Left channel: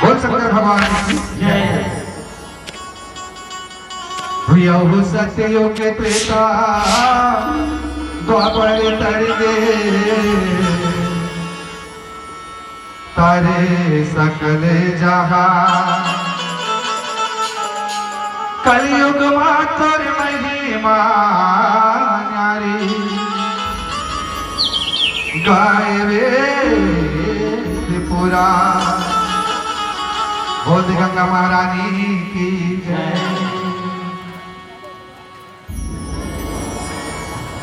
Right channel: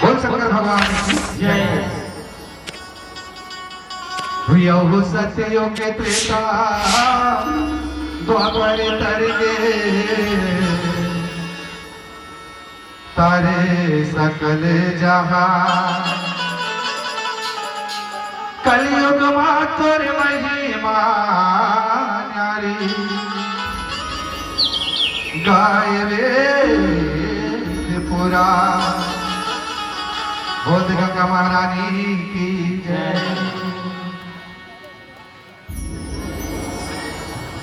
बोल शंकर भगवान की जय। यहो सत्यो के त्रेता द्वापर तरगे तारे सकल जहां कलयुग मातुर महिमा नारी गाय त्रिपुरा। बोल गंगा महारानी की जय।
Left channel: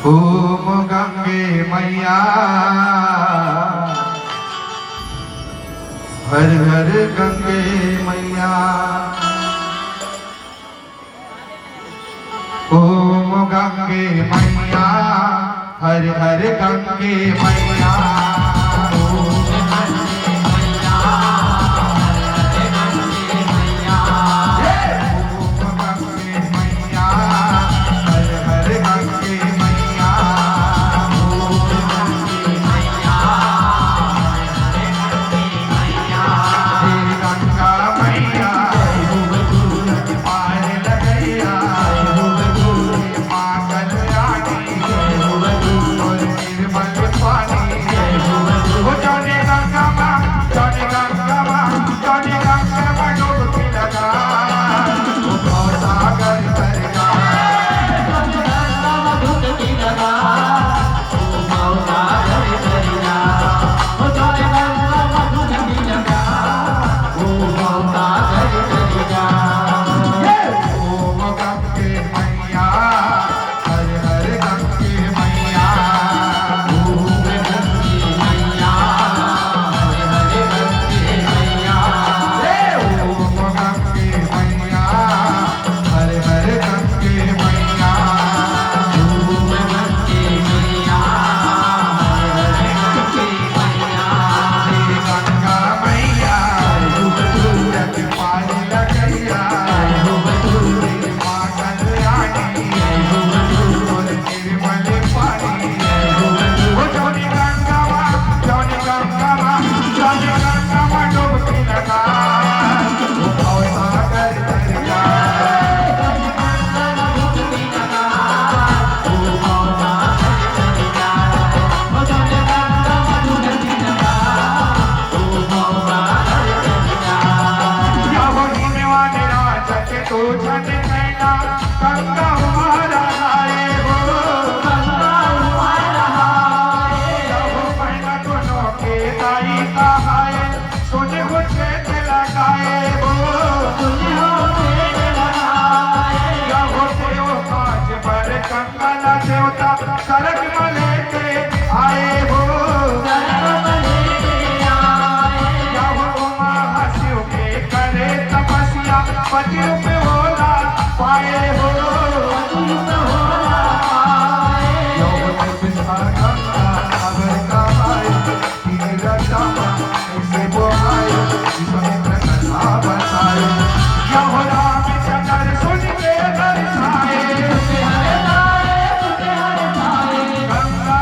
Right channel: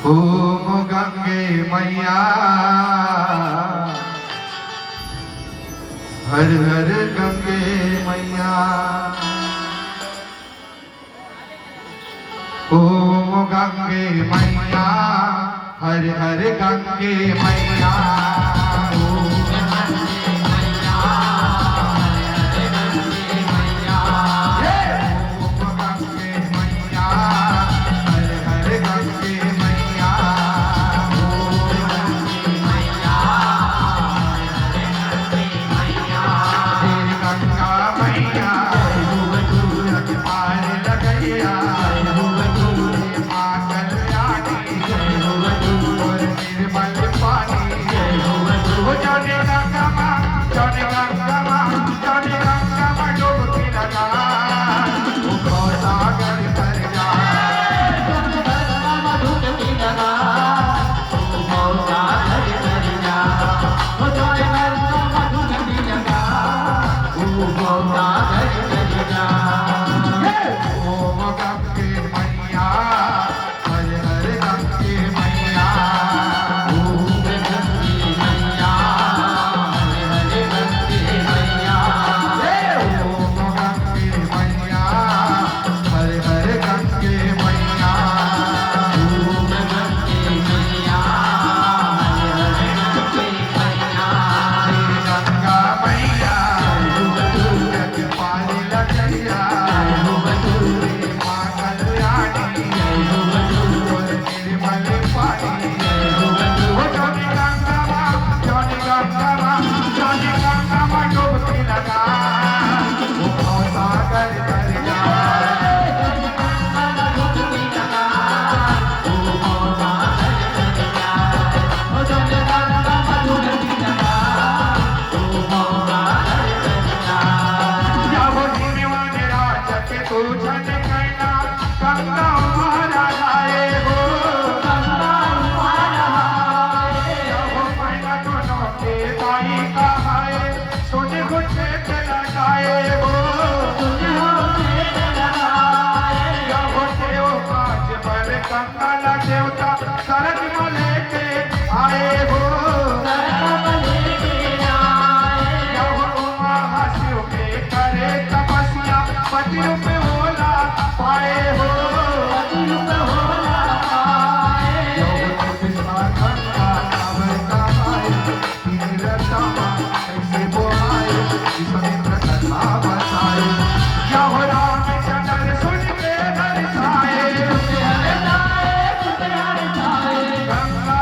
ओम गंगे मैया हर हर गंगे मैया। ओम गंगे मैया हर हर गंगे मैया। सरक मले के आए हो शिव के करे तपस्या पतियों पे होला पाए हो। गंगा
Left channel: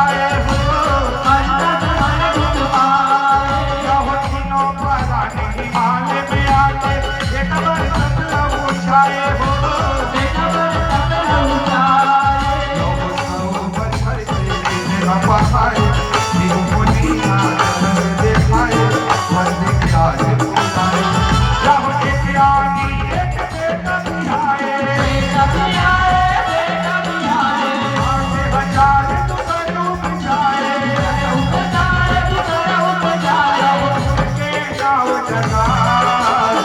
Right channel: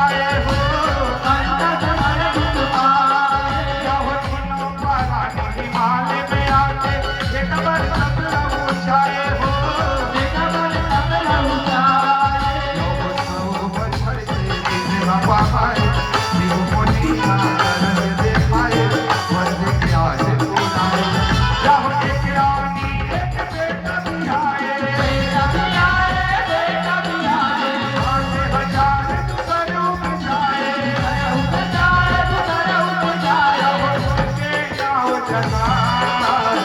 आए हो यहो तीनों पराने आने में आके एक बार सब ऊंचाए हो यहो सब बछड़ के पहाड़े जीव मुनिया देखाए मन क्या है बुलाए यहो एक आनी एक बेटा भी आए हजार दुसरे उपजाए यहो के गाँव जगाए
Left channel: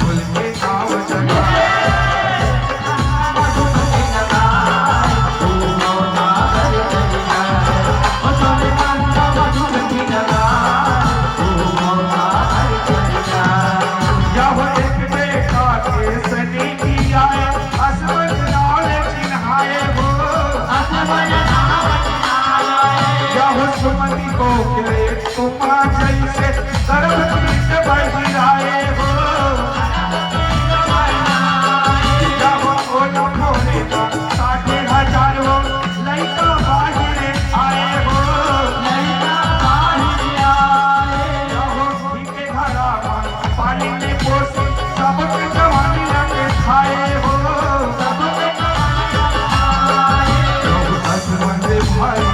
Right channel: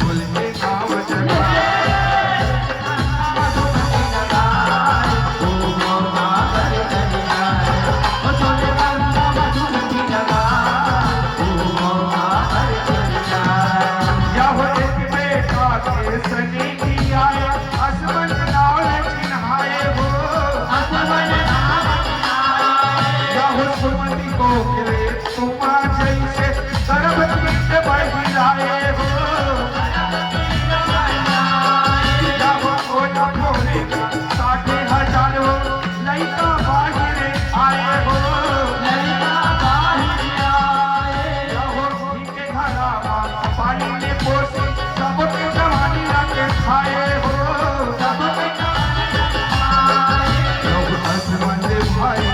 फूल के गाँव जगाए यहो एक बेटा के सनी की आए असमन नाल चिन्हाए हो यहो सुमति को के तुमा जैसे गर्भ पीठ बहिराए हो यहो ओला मोरे ना 60,000 लइका बाहर आए हो यहो के घरा पानी में पोसी सबके जवानी रंग खाए हो यहो हसबंद भाई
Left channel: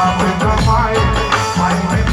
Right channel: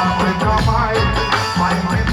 आप जमाए भाई में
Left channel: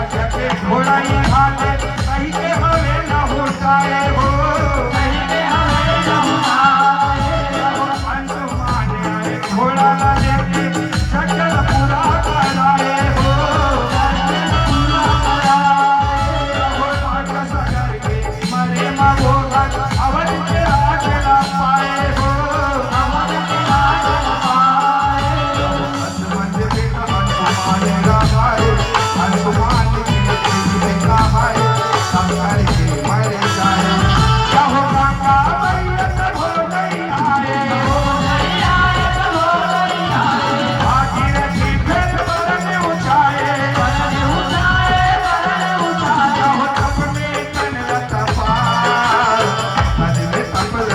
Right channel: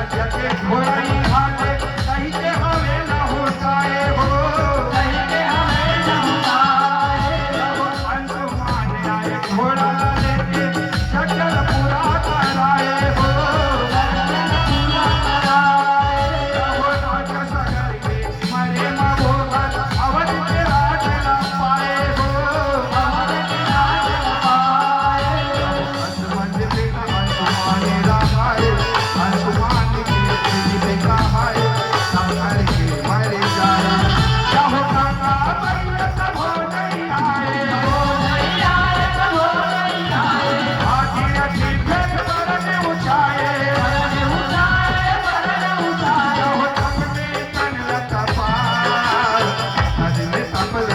राजा के घोड़ाई हाले कहीं के हमें न हो जाए हो कहीं के हमें न हो जाए जब हनुमान आए घोड़ा लेके जंगल पूरा कराए हो जंगल पूरा कराए जब राजा सगर के मरे मगोदर अवध के राज न पाए हो अवध के राज न पाए हनुमान बेटा हनुमान लगाए हनुमान के बेटा भाई संसार के मरे जाए जब गंगा मैया सब हो गई आए हो गई आए सब हो गई आए भागीरथी फिर बरन उठाए जब अपने तन पार नजरे कपल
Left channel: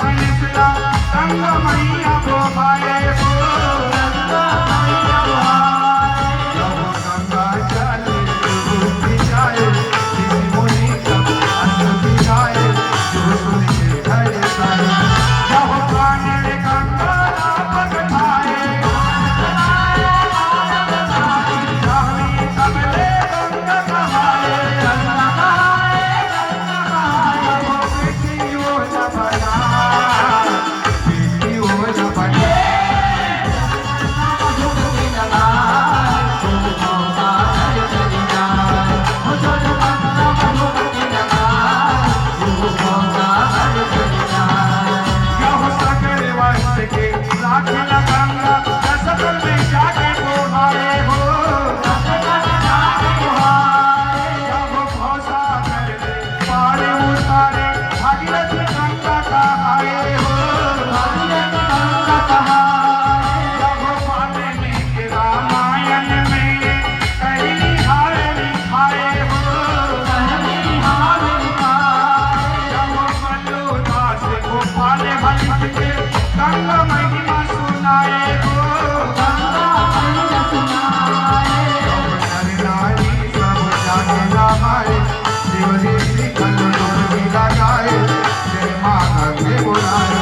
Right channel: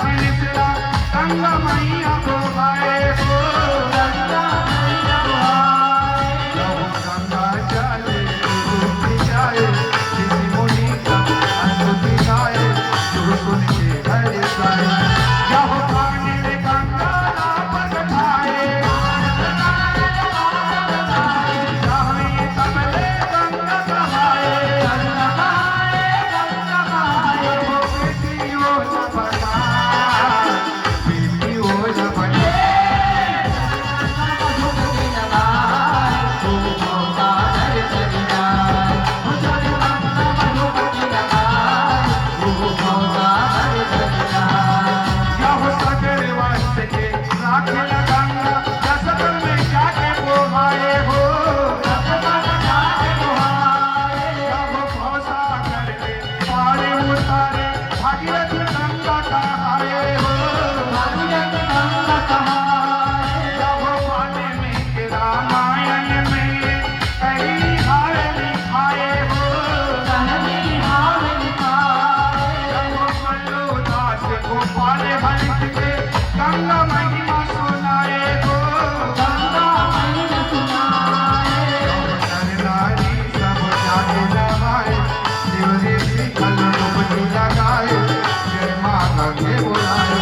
छिसला गंगा मैया को भाए हो गंगा मैया को भाए जब गंगा चले डूबती जाए किसी मुनि का स्तुति गाए जो सुन के हर साए जब पानी गंगा रावण खाए कमले गंगा कहाए गंगा कहाए गंगा कहाए वो बेटी वो न बना बेटी वो न बने यह सगर वंश के राखल गंगा कसक में जाके को भाए हो जब भौसा कर ले पार उतारे भागीरथ गंगा कहाए हो भागीरथ गंगा कहाए जब पाने में के रामायण में कई हार लिखाए हो कई हार लिखाए जब मल्लो दास गोपाल भलिक के गंगा महिमा सुनाए हो गंगा महिमा सुनाए नर नारी सब जाके नहाए शिव देवी कल डुबकी लगाए जय माँ गंगे बुलाए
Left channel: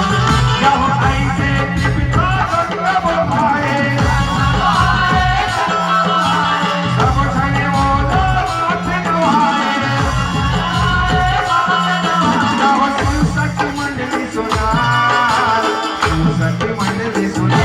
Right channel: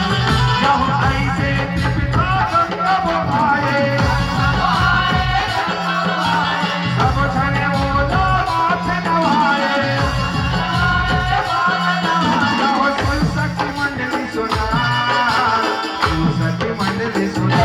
यह ऐसे पिता गंगा बुलाए सब जने वो नाथ नवाए यह संसद मंडली सुना संसद मंडली सुना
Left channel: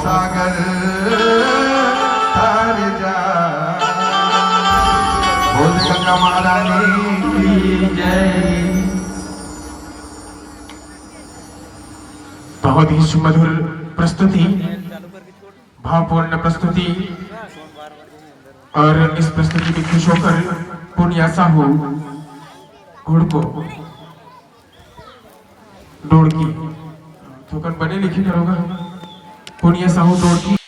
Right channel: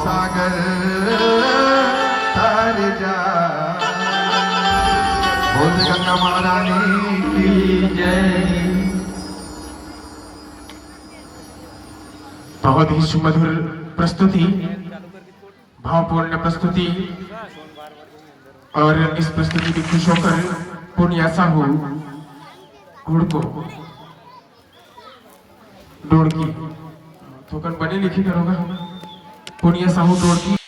सागर तर जा बोल गंगा महारानी की जय। बहुत ही सुमधुर प्रस्तुति, भावपूर्ण प्रस्तुति। और इस प्रस्तुति की खुश होकर पूर्णिया साहू घुड़को डोड़की थोकर बने लिखी करोगा। पूर्णिया साहू डोड़की